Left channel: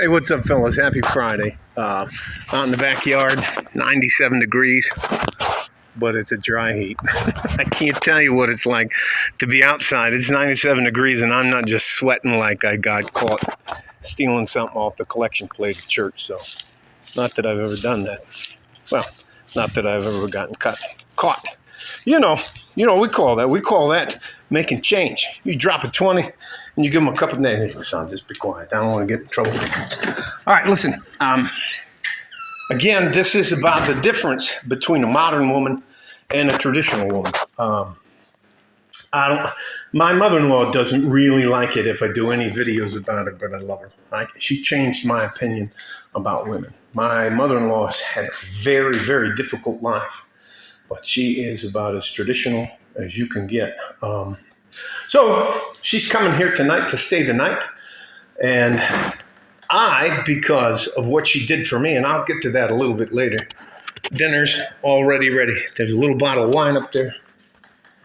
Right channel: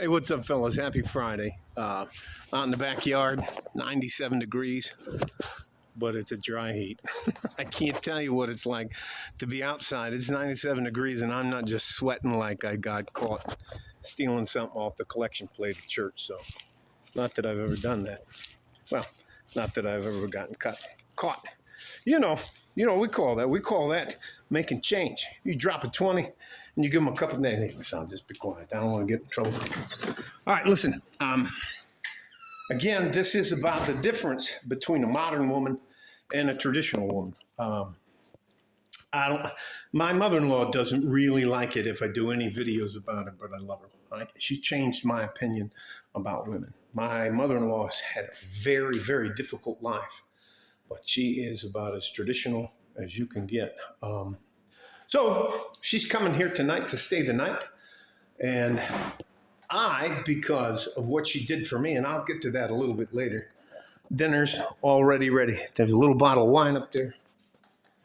Hey, what's up, fellas? Happy Friday. Out in the backyard, 97 degrees, but it's a dry heat. I can't tell you what it's like to be outside. It's 97 degrees, and I'm not just sweating like I got caught stealing something off the collection plate at church. So, not that I've ever done that. Well, not that I've ever gotten caught. You know, we call that making change. You drop a 20 and you give them a couple of names. Son, just be quiet. I don't want to get in trouble. All right, listen. Again, this is about the difference between a modern woman and a traditional woman. My mother-in-law doesn't really like it if I do any videos about it, but I love her. Right? She changed my opinion about women. My mother-in-law has had a very, very difficult life, but she is about as traditional as you can get. So she's coming here tonight to stay the night. And because of what she did for me, and I'll get to that a little bit later, dinner's already ready. There's a little bottle of wine up there.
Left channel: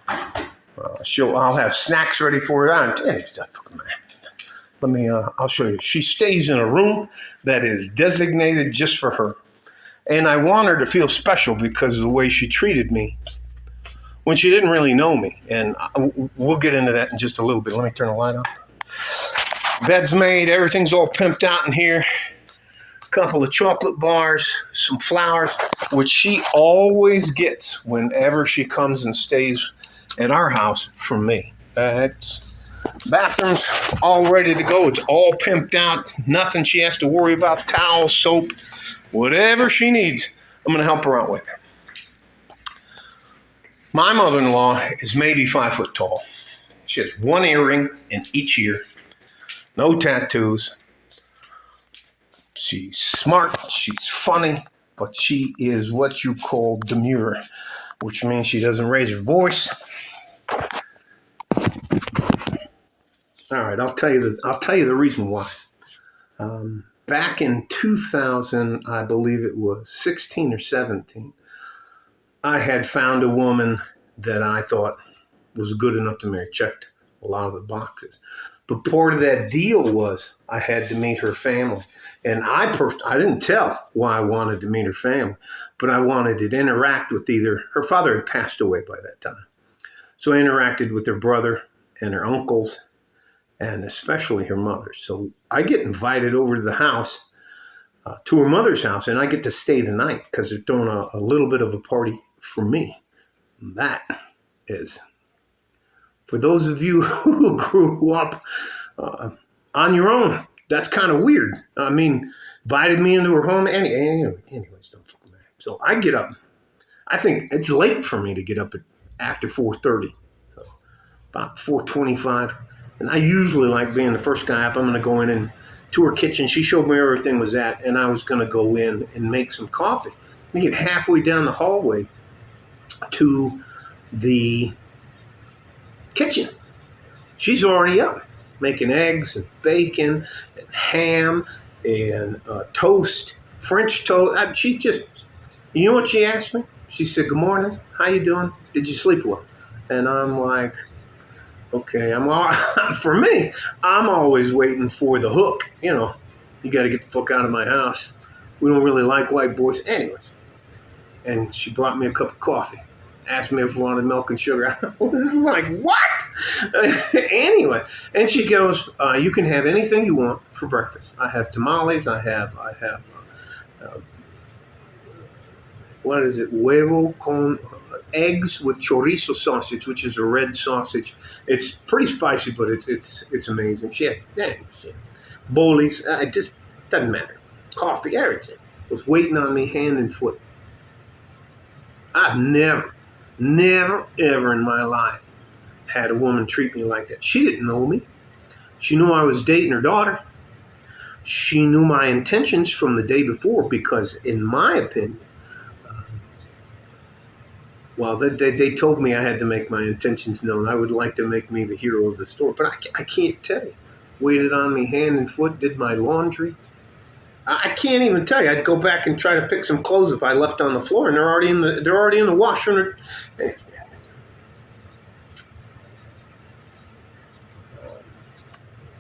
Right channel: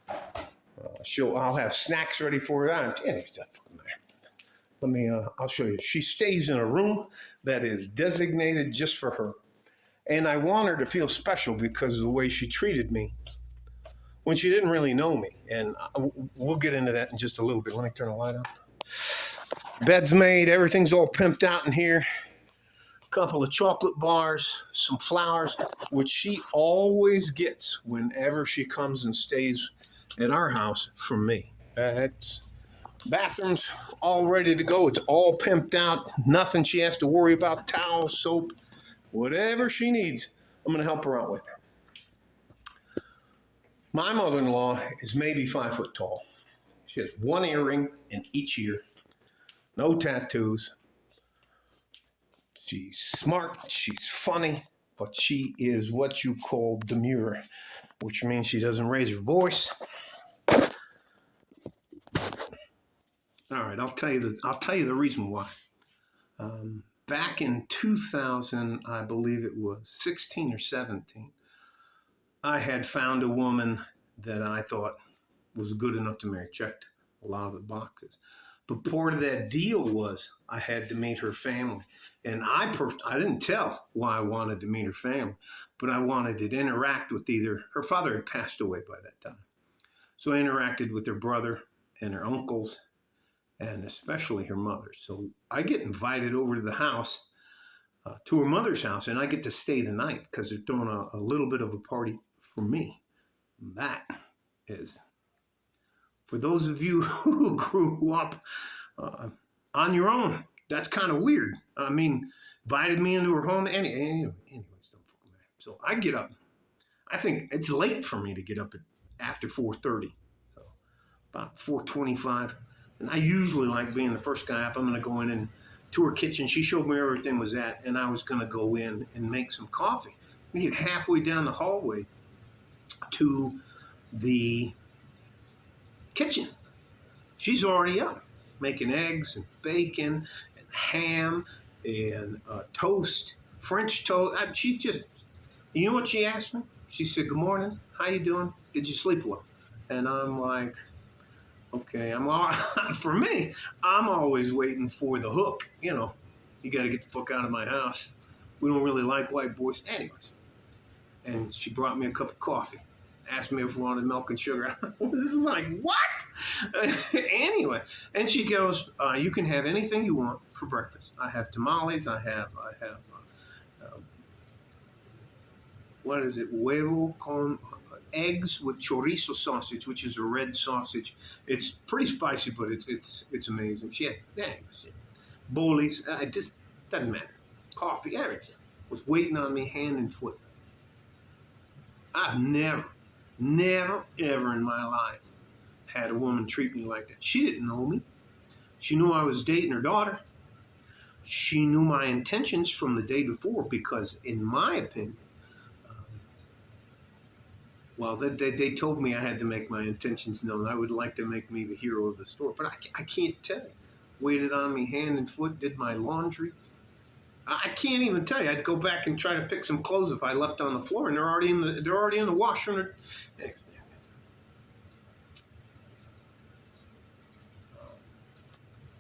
I'll have snacks ready for her. I'll show you. She stays in a room that is designated just for her. And I want her to feel special because of the way she treated me when she didn't really know me. And we'll get into that in just a little bit. Let me turn the light on. Bed's made. Everything's all pimped out in here. A couple of chocolate bars, some flowers, which she always gets whenever she comes and stays at our house from me. Bathroom's all ready to go. It's all pimped out. Nothing she has to worry about. Towels, soap, whatever she needs, I'm going to help her out with. My mother-in-law is maybe 5 foot tall. She has one earring in each ear. No tattoos. She's smart. She's funny. But she is what you call demure, which means she doesn't raise her voice. All right, I'll tell you the reason why. Back in 2000, I believe it was 16 or 17, I had found a woman that I thought was good enough to marry. Checked a lot of the boxes. But part of that deal was I had to meet her family. And I didn't tell why I wanted to meet her family, but I wanted to interact with her father had passed away by that time. So I interacted with her brother and her uncles, and especially her mother. So I get invited over to the house, to her mother's house, and I get to stay the night because they're throwing a little bit of a party for me. That is, for those of you who grew up on your own, that's kind of weird. I mean, invited me into her home. Anyways, don't fucking matter. So I get up. I think it's late for me to get up after 4:30, so about 4:25. And I usually like being the first guy up. I'm going to go in to her kitchen. She showed me where everything was at, and I was going to go in and make some coffee. We get halfway down the hallway to the kitchen. She's already up, making eggs and bacon and ham and toast, French toast. She just, you know what she asked me? She said, "Good morning. How you doing? Did you sleep well?" And I'm like, okay, for me, I'm always waiting for the hook. You got to get the fuck out of my house. We don't really like white boys. Anyways. And she brought me a cup of coffee. Asked me if I wanted milk and sugar. This is like, what? Anyway. And she goes, you can have anything you want for breakfast. I have tamales. I have what is it? Huevo con eggs with chorizo sausage, which is a red sausage. It's pretty spicy, but it's amazing. She had bolis. It just doesn't matter. Coffee, everything was waiting on me hand and foot. I've never, ever in my life had a woman treat me like that. She didn't know me. She knew I was dating her daughter. She knew my intentions from the day before because, in my opinion, they told me I had to make my intentions known. I would like to make me the hero of the story, but I can't tell you. Waited on me hand and foot, did my laundry. I can't even tell you. I'd go back and try to pick some clothes if I left on the floor, and they're already in the washer.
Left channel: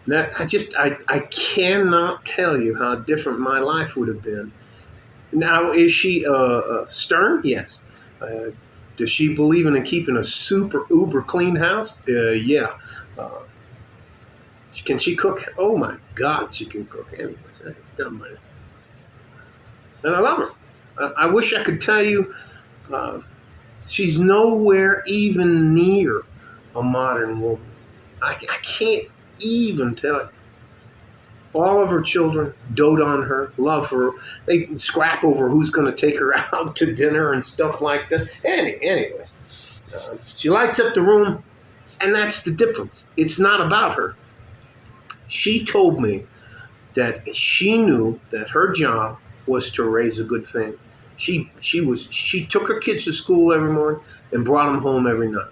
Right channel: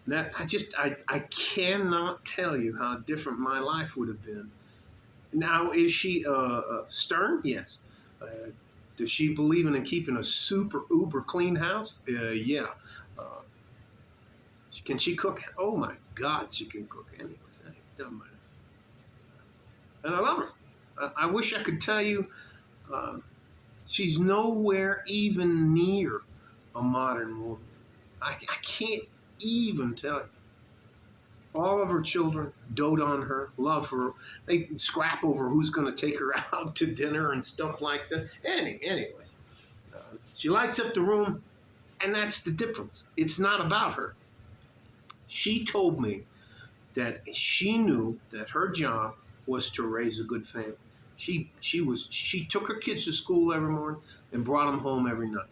That I cannot tell you how different my life would have been. Now, is she stern? Yes. Uh, does she believe in keeping a super uber clean house? Yeah. Uh, can she cook? Oh my God, she can cook. Anyways, I ain't done with it. And I love her. I wish I could tell you uh, she's nowhere even near a modern woman. I can't even tell you. All of her children dote on her, love her. They scrap over who's going to take her out to dinner and stuff like that. Anyways, she lights up the room, and that's the difference. It's not about her. She told me that she knew that her job was to raise a good family. She took her kids to school every morning and brought them home every night.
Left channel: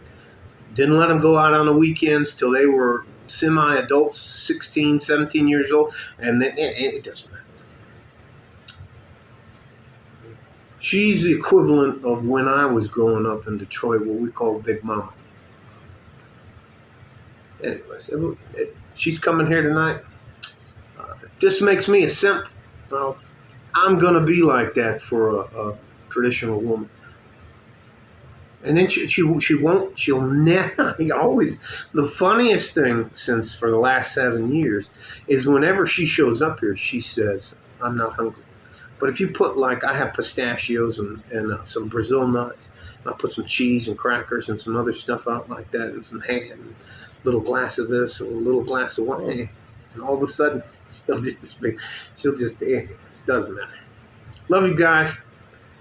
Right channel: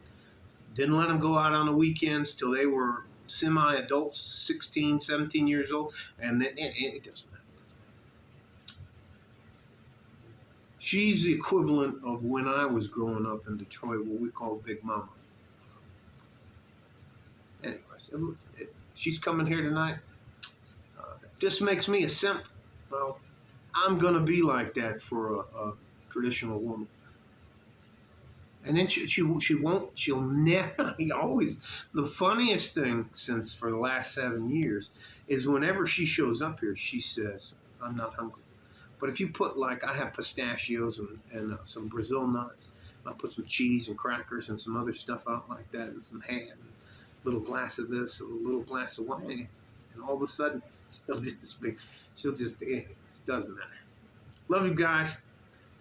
Didn't let them go out on the weekends till they were semi-adults, 16, 17 years old, and then it doesn't matter. She's the equivalent of when I was growing up in Detroit, what we call Big Mama. Anyways, she's coming here tonight. This makes me a simp. Well, I'm going to be like that for a traditional woman. And then she'll never, always, the funniest thing since for the last 7 years is whenever she shows up here, she says, I'm not hungry. But if you put I have pistachios and some Brazil nuts, I put some cheese and crackers and some other stuff out like that and some ham, and a little glass of this, a little glass of wine, and all of a sudden, it doesn't matter. Love you guys.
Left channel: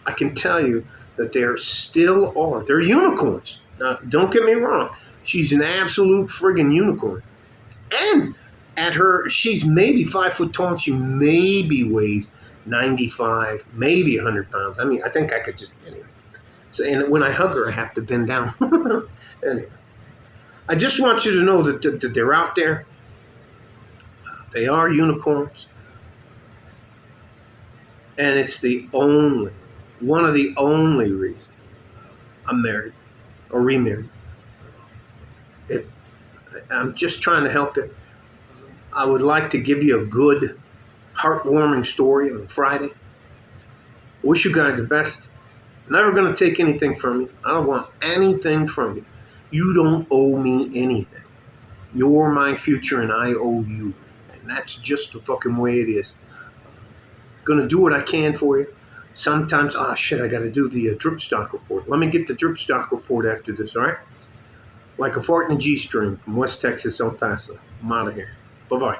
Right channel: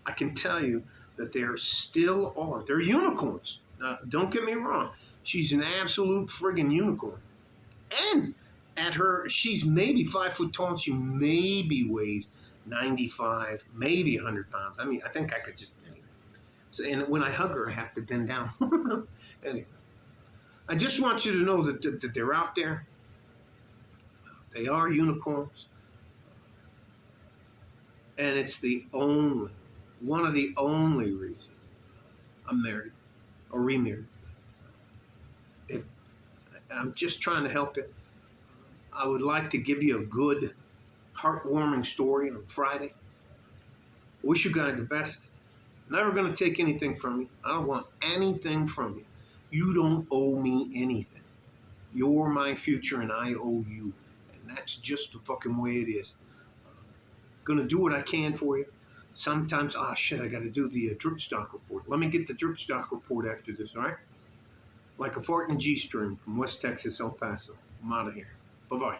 I can tell you that there still are. They're unicorns. Now, don't get me wrong. She's an absolute friggin' unicorn. And she's maybe 5 foot tall. And she maybe weighs 95, maybe 100 pounds. I mean, I think I could just, anyway. So, and when I hug her, I have to bend down. Anyway. I just want you to know that they're out there. They are unicorns. And it's one of the only reasons I'm married or remarried. I'm just trying to help you. I would like to give you a good, heartwarming story on Friday. Wish you guys the best. Never going to take anything from you. I don't want anything from you. You don't owe me anything. You're my future and I owe you. And that's just the fucking way it is. Going to do what I can for you. Sometimes, I got to do the drip stock report. Let me get the drip stock report after this, all right? Like a fart in a G-string from West Texas, El Paso. I'm out of here. Bye-bye.